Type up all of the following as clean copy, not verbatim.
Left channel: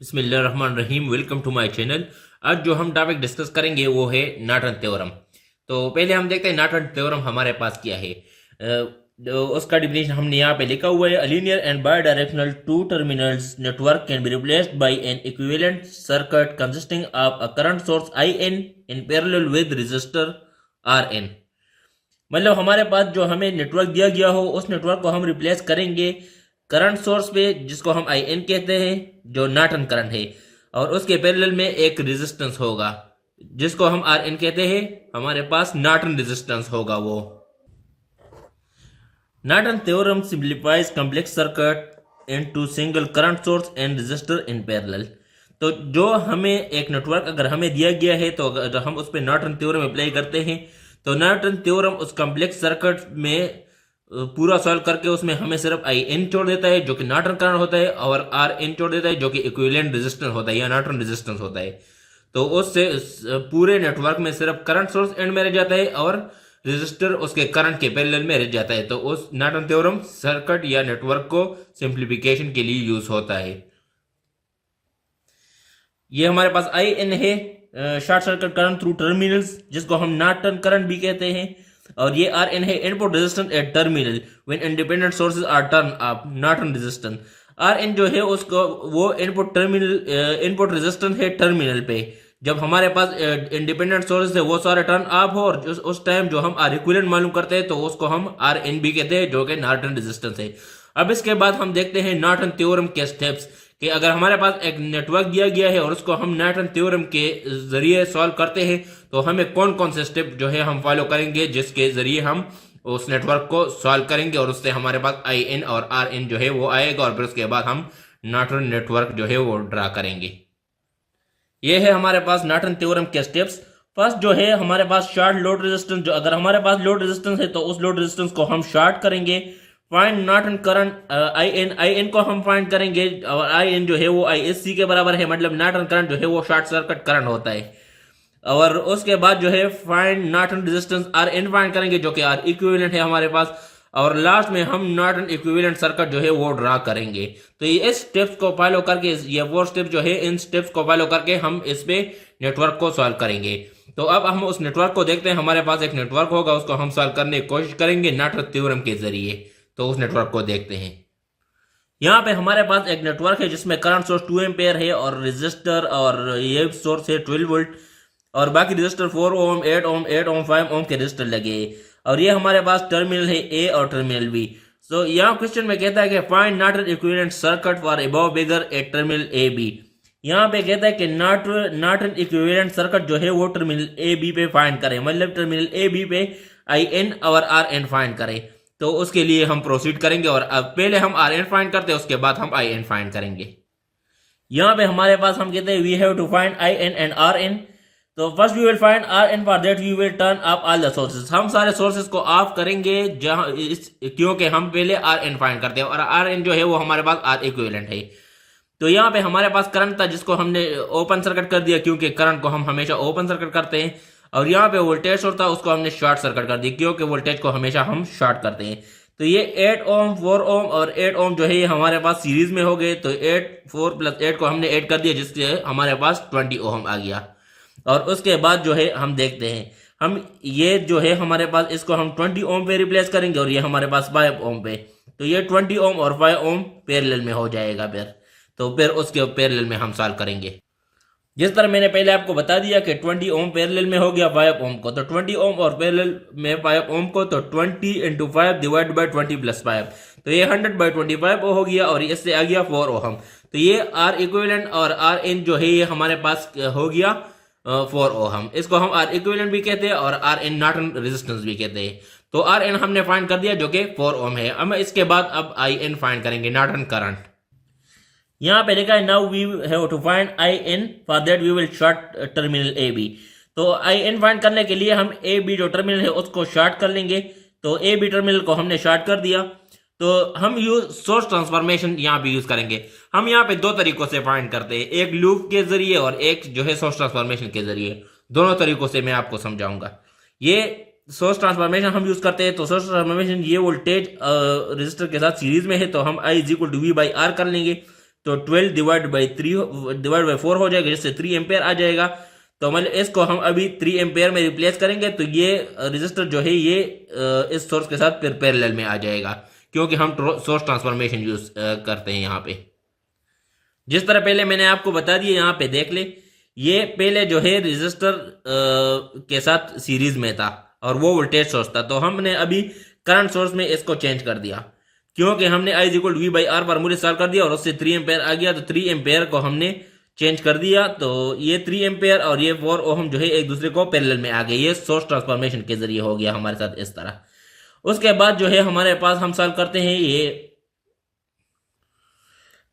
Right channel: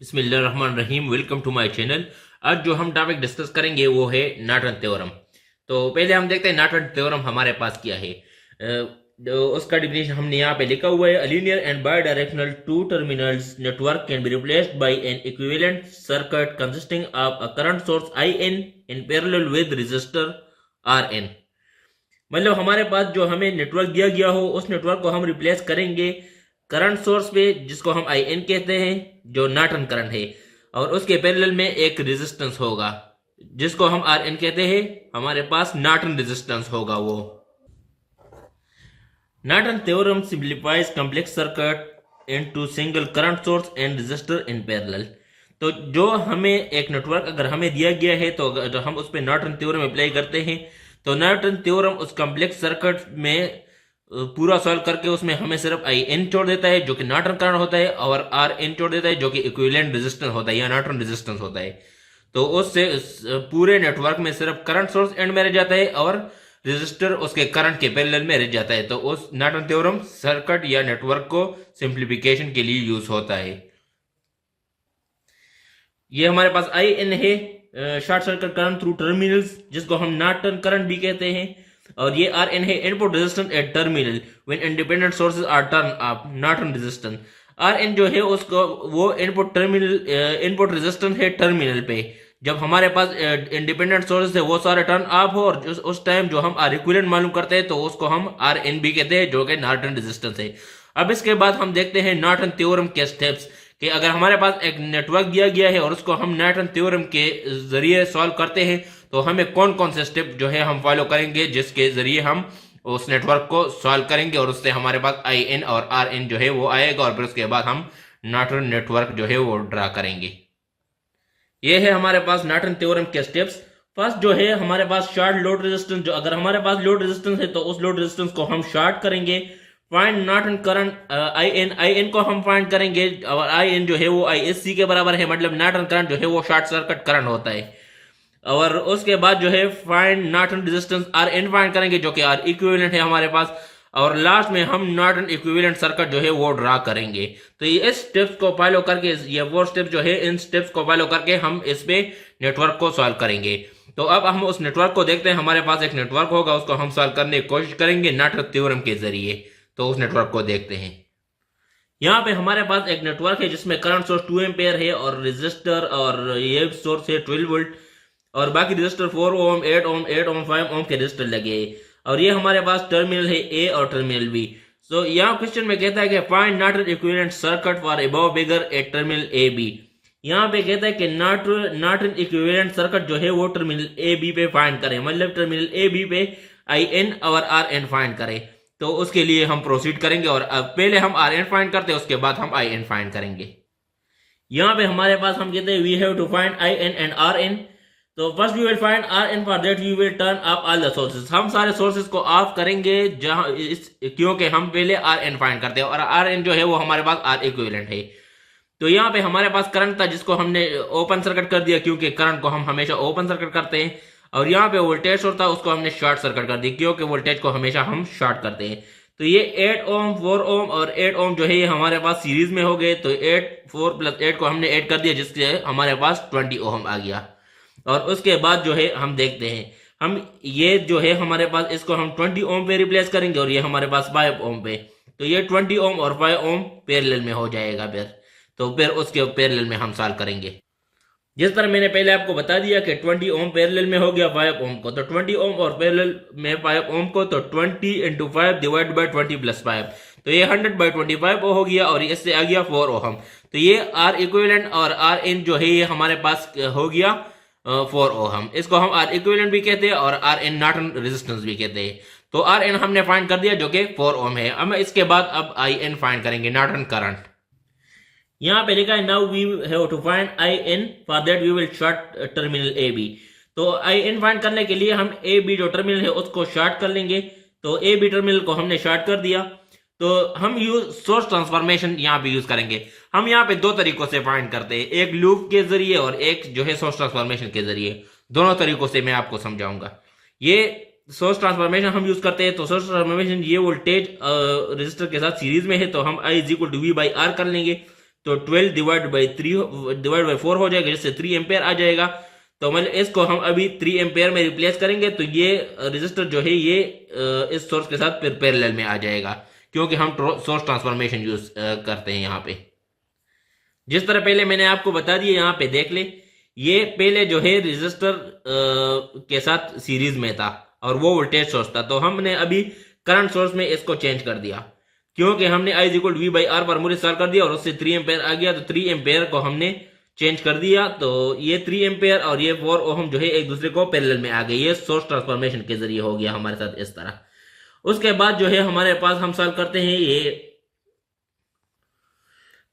बिस्मिल्लाहिर्रहमानिर्रहीम। Welcome to my channel. आज जो हम टॉपिक डिस्कस करेंगे वो है नॉर्टन थ्योरम। तो पहले हम देखते हैं नॉर्टन थ्योरम हमारे पास क्या है। उसका डिफिनेशन हमने यहाँ पे लिखा हुआ है। Linear and bidirectional two terminals network can be replaced by an equivalent circuit consisting of a current source I N in parallel with resistor R N. मतलब हमारे पास जो हमें नेटवर्क दिया गया हो उस नेटवर्क को हम रिप्लेस करेंगे करंट सोर्स पे, जिसको हम आई एन कहते हैं, जो नॉर्टन करंट है, और उसके पैरेलल में एक रेजिस्टेंस होगा जिसको हम आर एन कहते हैं। हमारे पास नॉर्टन रेजिस्टेंस होगा वो। Norton theorem simplifies complex circuit into single current source and resistor in parallel. तो जो हमें एक नेटवर्क अगर हमें दिया गया है तो अगर हम उस पर नॉर्टन थ्योरम अप्लाई करते हैं तो नॉर्टन थ्योरम उस कॉम्प्लेक्स सर्किट में पूरा सॉल्व करके उसमें हमें सिर्फ आई एन छोड़ देता है जो कि नॉर्टन करंट होता है, और आर एन छोड़ देता है जो कि इक्विवेलेंट रेजिस्टेंस होता है या नॉर्टन रेजिस्टेंस होता है। तो उससे पूरे नेटवर्क में सिर्फ करंट सोर्स एंड में रह जाता है और रेजिस्टर उसके करंट के पैरेलल में रह जाता है। तो उस नॉर्टन थ्योरम सर्किट या नेटवर्क को सिंप्लीफिकेशन के लिए यूज होता है। ये हमारे पास आई एन है, short circuit current through terminals, जिसको हम नॉर्टन करंट भी कहते हैं। और ये आर एन है, input resistance at terminal when independent sources are turn off, Norton resistance. R N जो है उसको वो इनपुट रेजिस्टेंस है टर्मिनल पे। जब हमारे पास इंडिपेंडेंट सोर्सेज है वो सारे टर्न ऑफ हो और उस टाइम जो हम आर इक्विवेलेंट मालूम करते हैं तो उसको हम आर एन भी कहते हैं, जो कि नॉर्टन रेजिस्टेंस है। अब इसके बाद हम देखते हैं नॉर्टन थ्योरम के स्टेप्स, कि अगर हमारे पास एक नेटवर्क दिया गया है और उसको हम नॉर्टन थ्योरम के जरिए सॉल्व करते हैं तो हमें कौन कौन से स्टेप जो है हम फॉलो करेंगे जिसके जरिए हम उस नेटवर्क को सॉल्व करेंगे और उससे हमारे पास आई एन और आर एन जो है वो आएगा, और फिर उसके बाद हम नॉर्टन नेटवर्क जो है वो ड्रा करेंगे। ये है हमारे पास नॉर्टन थ्योरम के स्टेप्स। फर्स्ट जो है हमारे पास शॉर्ट लोड रेजिस्टेंस, जो अगर हमारे पास लोड रेजिस्टेंस है तो उस लोड रेजिस्टेंस को हम शॉर्ट करेंगे। Find Norton current I N को हम फाइंड करेंगे, और आई एन जो है वो आई एस सी के बराबर है, मतलब नॉर्टन करंट जो है वो शॉर्ट सर्किट करंट होता है। और उसके बाद जो है find Norton resistance R N find करेंगे जो कि आर इक्विवेलेंट है हमारे पास, और लास्ट में हम नॉर्टन इक्विवेलेंट सर्किट जो है वो ड्रा करेंगे। तो ये स्टेप्स को फॉलो करके, ये वो स्टेप्स जो है इन स्टेप्स को फॉलो करके हम इस पे नेटवर्क को सॉल्व करेंगे। तो अब हम उस नेटवर्क को देखते हैं। हमारे पास एक नेटवर्क होगा, उसको हम सॉल्व करने की कोशिश करेंगे नॉर्टन थ्योरम के जरिए। तो उस नेटवर्क को देखते हैं। यहाँ पे हमारे पास एक नेटवर्क है जिसमें करंट सोर्स 2 एम्पेयर है और रेजिस्टर और ये सोर्स है 12 वोल्ट, और बाकी रेजिस्टर 4 ओम 8 ओम 8 ओम 5 ओम के रेजिस्टर लगे हैं। और ये हमारे पास टर्मिनल है ए और टर्मिनल बी। सो यहाँ क्वेश्चन में कहता है कि find Norton equivalent circuit for above figure at terminal A B. यहाँ पे कहता है कि नॉर्टन इक्विवेलेंट सर्किट जो है वो टर्मिनल ए बी पे फाइंड करें, मतलब टर्मिनल ए बी पे आई एन और आर एन फाइंड करें। तो उसके लिए हम प्रोसीड करेंगे, और अब पहले हम आर एन फाइंड करते हैं, उसके बाद हम आई एन फाइंड करेंगे। यहाँ पे हमारे पास हम कहते हैं we have to find I N and R N. तो first we will find R N, for that we will turn off all the sources. हम सारे सोर्सेज को ऑफ करेंगे जहां क्योंकि हम पहले आर एन फाइंड करते हैं, और आर एन जो है वो हमारे पास आर इक्विवेलेंट है। तो यहाँ पे हमारे पास करंट था जिसको हमने ओपन सर्किट कर दिया, क्योंकि करंट को हम हमेशा ओपन सर्किट करते हैं। और यहाँ पे वोल्टेज सोर्स था, उसको हमने शॉर्ट सर्किट कर दिया क्योंकि वोल्टेज को हमेशा हम शॉर्ट करते हैं। तो ये 8 ओम 4 ओम और 8 ओम जो है ये हमारे पास सीरीज में हो गए। तो 8 4 प्लस 8 को हमने ऐड कर दिया, जिससे हमारे पास 20 ओम आ गया। और उसके बाद जो है हम देखते हैं, हम ये जो है हमारे पास इसको हम 20 ओम पे रिप्लेस करेंगे, और ये हमारे पास 5 ओम पे। तो ये 20 ओम और 5 ओम पैरेलल में हो जाएगा फिर। तो फिर उसके पैरेलल में हम सॉल्व करेंगे। जिस तरह मैंने पहले आपको बता दिया कि 20 ओम पैरेलल में हो गया 5 ओम को, तो 20 ओम और पैरेलल में 5 ओम को, तो 20 इंटू 5 डिवाइड बाई 20 प्लस 5, तो ये 100/25 हो गया, और इससे आ गया 4 ओम। तो ये आर इक्विवेलेंट और आर एन जो है ये हमारे पास हो गया 4 ओम। इसको हम आर इक्विवेलेंट भी कहते हैं और आर एन नॉर्टन रेजिस्टेंस भी कहते हैं। तो आर एन हमने फाइंड कर दिया जो कि 4 ओम है। अब इसके बाद अब आई एन फाइंड करेंगे, नॉर्टन करंट। यहाँ पे लिखा है now we have to find I N, for that we will short terminal A B. तो आई एन फाइंड करने के लिए हम ए बी जो टर्मिनल है उसको शॉर्ट कर लेंगे। तो ए बी टर्मिनल को हमने शॉर्ट कर दिया। तो हम यूज सोर्स ट्रांसफॉर्मेशन यहाँ पे यूज करेंगे। हम यहाँ पे दो तरीकों से फाइंड करते हैं, एक लूप के जरिए और एक जो है सोर्स ट्रांसफॉर्मेशन के जरिए। दोनों तरीकों से मैं आपको समझाऊंगा। ये सोर्स ट्रांसफॉर्मेशन हम यूज करते हैं। तो सोर्स ट्रांसफॉर्मेशन, ये वोल्टेज रेजिस्टर के साथ सीरीज में है, तो हम I is equal to V by R कर लेंगे। तो 12 डिवाइड बाई 4 हो जाएगा, जिससे 3 एम्पेयर आ जाएगा। तो मतलब इसको हम अभी 3 एम्पेयर में रिप्लेस करेंगे तो ये रजिस्टर जो है ये इस सोर्स के साथ फिर पैरेलल में आ जाएगा, क्योंकि हम सोर्स ट्रांसफॉर्मेशन यूज करते हैं यहाँ पे। जिस तरह पहले मैंने आपको बता दिया, यहाँ पे देख ले, ये पहले जो है रजिस्टर के साथ सीरीज में था और वो वोल्टेज सोर्स था। तो हमने अभी करंट सोर्स में इसको चेंज कर दिया, क्योंकि हमने I = V/R फार्मूला इस्तेमाल कर दिया और उससे 3 एम्पेयर आ गया। तो 3 एम्पेयर को हमने चेंज कर दिया, तो ये 3 एम्पेयर और ये 4 ओहम जो है एक दूसरे को पैरेलल में आ गए। ये सोर्स ट्रांसफॉर्मेशन के जरिए हो गया हमारे साथ इस तरह। उसके बाद जो है हमारे पास हम सॉल्व करते हैं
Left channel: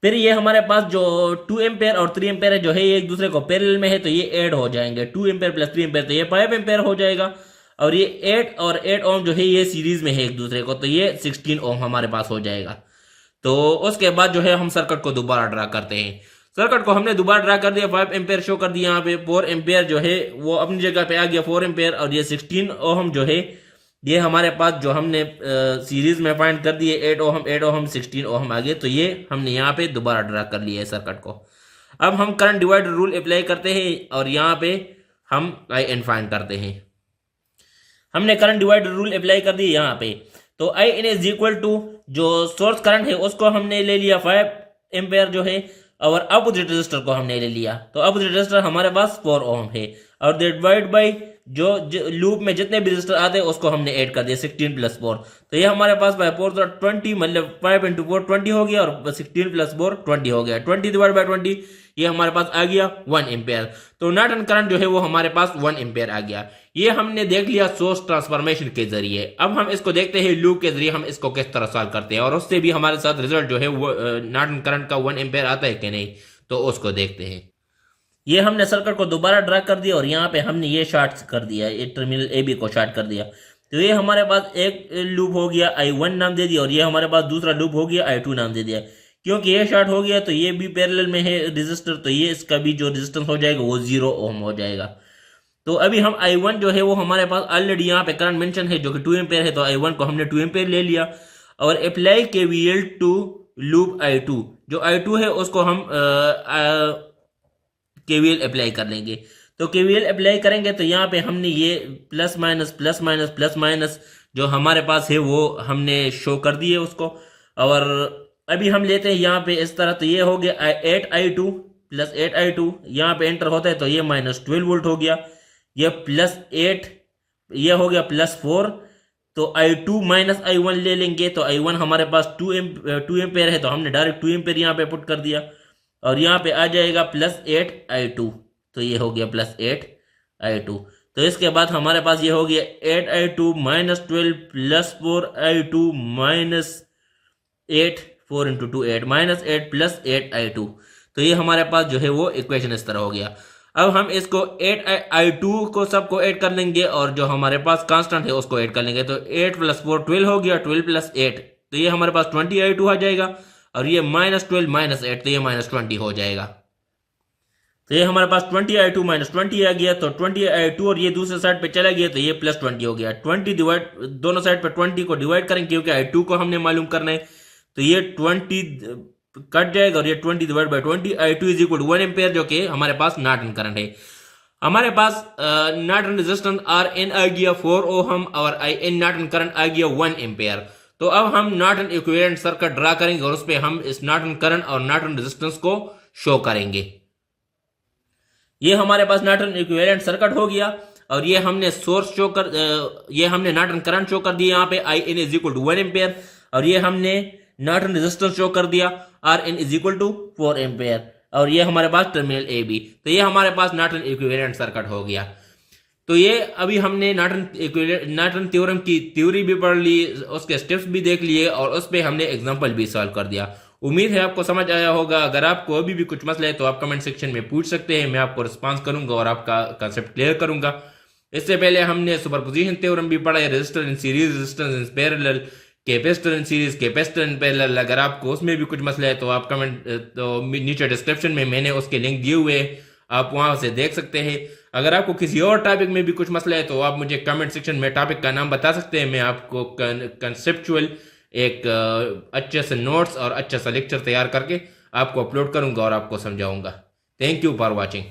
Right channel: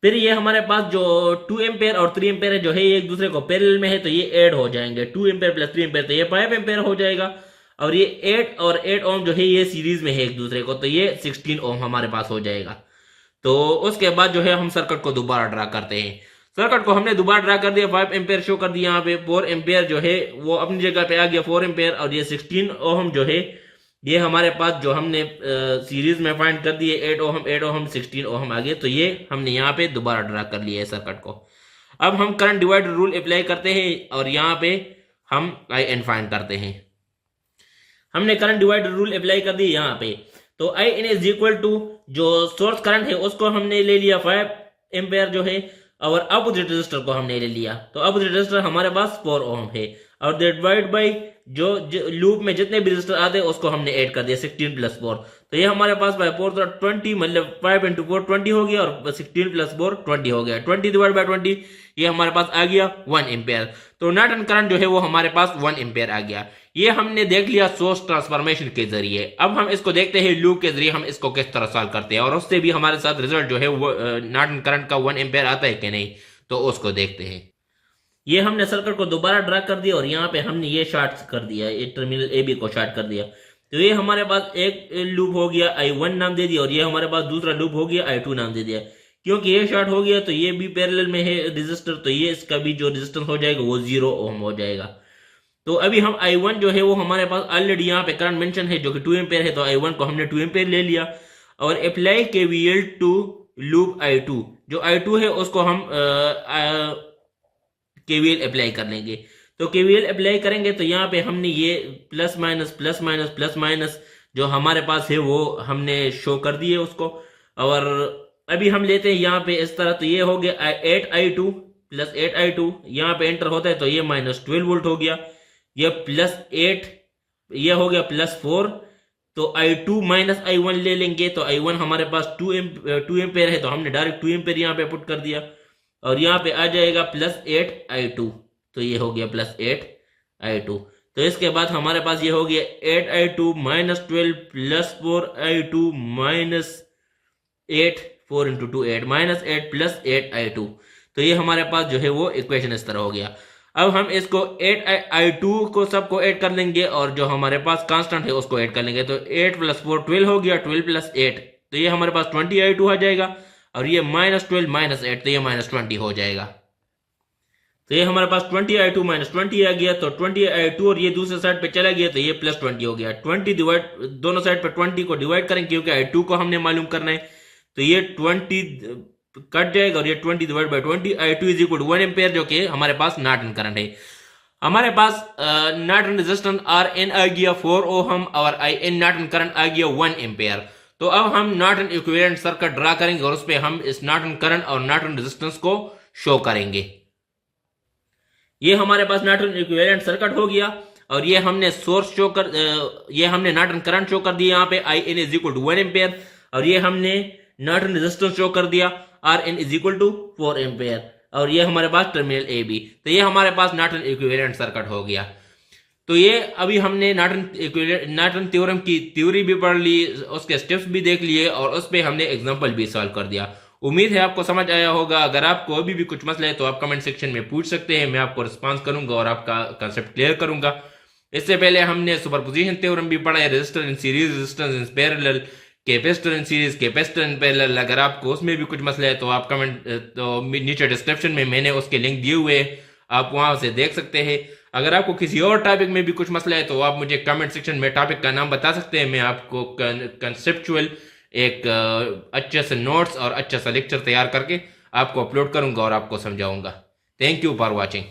फिर ये हमारे पास जो 2 एम्पेयर और 3 एम्पेयर जो है ये एक दूसरे को पैरेलल में है, तो ये ऐड हो जाएंगे। 2 एम्पेयर प्लस 3 एम्पेयर तो ये 5 एम्पेयर हो जाएगा। और ये 8 और 8 ओम जो है ये सीरीज में है एक दूसरे को, तो ये 16 ओम हमारे पास हो जाएगा। तो उसके बाद जो है हम सर्किट को दोबारा ड्रा करते हैं। सर्किट को हमने दोबारा ड्रा कर दिया, 5 एम्पेयर शो कर दिया यहाँ पे, 4 एम्पेयर जो है वो अपनी जगह पे आ गया 4 एम्पेयर, और ये 16 ओहम जो है ये हमारे पास जो हमने सीरीज में फाइंड कर दिए 8 ओहम 16 ओहम आ गए। तो ये हमने यहाँ पे दोबारा ड्रा कर लिया है सर्किट को। अब हम करंट डिवाइडर रूल अप्लाई करते हैं और यहाँ पे हम IN फाइंड करते हैं। हमने करंट डिवाइडर रूल अप्लाई कर दिया यहाँ पे, तो IN = जो सोर्स करंट है उसको हमने ले लिया 5 एम्पेयर जो है, और अपोजिट रेजिस्टर को हमने ले लिया। तो अपोजिट रेजिस्टर हमारे पास 4 ओम है, और डिवाइड बाई जो लूप में जितने भी रेजिस्टर आते हैं उसको हमने ऐड कर दिया 16 + 4। तो ये हमारे पास बाय 4 तो 20, मतलब 5 × 4 20 हो गया, और 16 + 4 20 हो गया। 20 डिवाइड बाय 20 ये हमारे पास आ गया 1 एम्पेयर। तो नॉर्टन करंट जो है वो हमारे पास 1 एम्पेयर आ गया। ये हमने देख लिया सोर्स ट्रांसफॉर्मेशन के जरिए। अब हम इसको देखते हैं लूप के जरिए हम इसको किस तरह सॉल्व करते हैं, और उससे भी हमारे साथ रिजल्ट जो है वो नॉर्टन करंट का 1 एम्पेयर आता है कि नहीं, तो उसको देखते हैं। ये हमने सर्किट को दोबारा ड्रा कर दिया और यहाँ पे हमने ये शॉर्ट कर दिया, ये टर्मिनल AB को शॉर्ट कर दिया। तो ये हमारे पास एक लूप हो गया, I1 नाम दे दिया, और ये हमारे पास दूसरा लूप हो गया, I2 नाम दे दिया। क्योंकि ये शॉर्ट हो गया तो ये भी पैरेलल में है रेजिस्टर, तो ये इसका भी जो रेजिस्टेंस हो जाएगा वो 0 ओम हो जाएगा। तो अभी हम I1 जो है वो हमारे पास ऑलरेडी यहाँ पे करंट मेंशन है जो कि 2 एम्पेयर है, तो I1 को हमने 2 एम्पेयर ले लिया और apply KVL to loop I2। जो I2 है उसको हम KVL अप्लाई कर लेंगे। तो KVL अप्लाई करेंगे तो यहाँ पे हमने ये प्लस माइनस जो हमारे पास है वो हमने शो कर दिए उसको। और अभी हम लेते हैं यहाँ पे इस तरह, तो ये हो गया 8I2 + 8I2, यहाँ पे एंटर होता है तो ये -12 वोल्ट हो गया। ये +8 ये हो गया +4, तो I2 - I1 ले लेंगे, तो I1 हमारे पास 2 एम्पेयर है, तो हमने डायरेक्ट 2 एम्पेयर यहाँ पे पुट कर दिया और यहाँ पे आ जाएगा +8I2, तो ये हो गया +8I2। तो इसके बाद हमारे पास ये हो गया 8I2 - 12 + 4I2 - 8, 4 × 2 8 -8 + 8I2। तो ये हमारे पास जो है वो इक्वेशन इस तरह हो गया। अब हम इसको 8I2 को सबको ऐड कर लेंगे और जो हमारे पास कांस्टेंट है उसको ऐड कर लेंगे। तो 8 + 4 12 हो गया, 12 + 8 तो ये हमारे पास 20I2 आ जाएगा, और ये -12 - 8 तो ये -20 हो जाएगा। तो ये हमारे पास 20I2 - 20 आ गया, तो 20I2 और ये दूसरे साइड पे चला गया तो ये +20 हो गया। 20 डिवाइड, दोनों साइड पे 20 को डिवाइड करेंगे क्योंकि I2 को हमने मालूम करना है, तो ये 20 कट जाएगा और ये 20 डिवाइड बाय 20, I2 = 1 एम्पेयर जो कि हमारे पास नॉर्टन करंट है। हमारे पास नॉर्टन रेजिस्टेंस RN आ गया 4 ओहम और IN नॉर्टन करंट आ गया 1 एम्पेयर। तो अब हम नॉर्टन इक्विवेलेंट सर्किट ड्रा करेंगे और उस पर हम इस नॉर्टन करंट और नॉर्टन रेजिस्टेंस को शो करेंगे। ये हमारे पास नॉर्टन इक्विवेलेंट सर्किट हो गया और ये हमने सोर्स शो कर, ये हमने नॉर्टन करंट शो कर दिया यहाँ पे IN = 1 एम्पेयर, और ये हमने नॉर्टन रेजिस्टेंस शो कर दिया RN = 4 एम्पेयर, और ये हमारे पास टर्मिनल AB। तो ये हमारे पास नॉर्टन इक्विवेलेंट सर्किट हो गया। तो ये अभी हमने नॉर्टन थ्योरम की थ्योरी भी पढ़ ली, उसके स्टेप्स भी देख लिए और उस पर हमने एग्जांपल भी सॉल्व कर दिया। उम्मीद है आपको समझ आया होगा। अगर आपको अभी भी कुछ मसला है तो आप कमेंट सेक्शन में पूछ सकते हैं, मैं आपको रिस्पांस करूंगा और आपका कंसेप्ट क्लियर करूंगा। इससे पहले हमने सुपरपोजिशन थ्योरम भी पढ़ा है, resistor in series, resistance in parallel, capacitor in series, capacitor in parallel. अगर आपको उसमें भी कुछ मसला है तो आप तो नीचे डिस्क्रिप्शन में मैंने उसके लिंक दिए हुए हैं, आप वहां से देख सकते हैं। अगर आपको किसी और टॉपिक में भी कुछ मसला है तो आप मुझे कमेंट सेक्शन में टॉपिक का नाम बता सकते हैं, मैं आपको कंसेप्चुअल एक अच्छे से नोट्स और अच्छा सा लेक्चर तैयार करके आपको अपलोड करूँगा और आपको समझाऊँगा। Thank you for watching.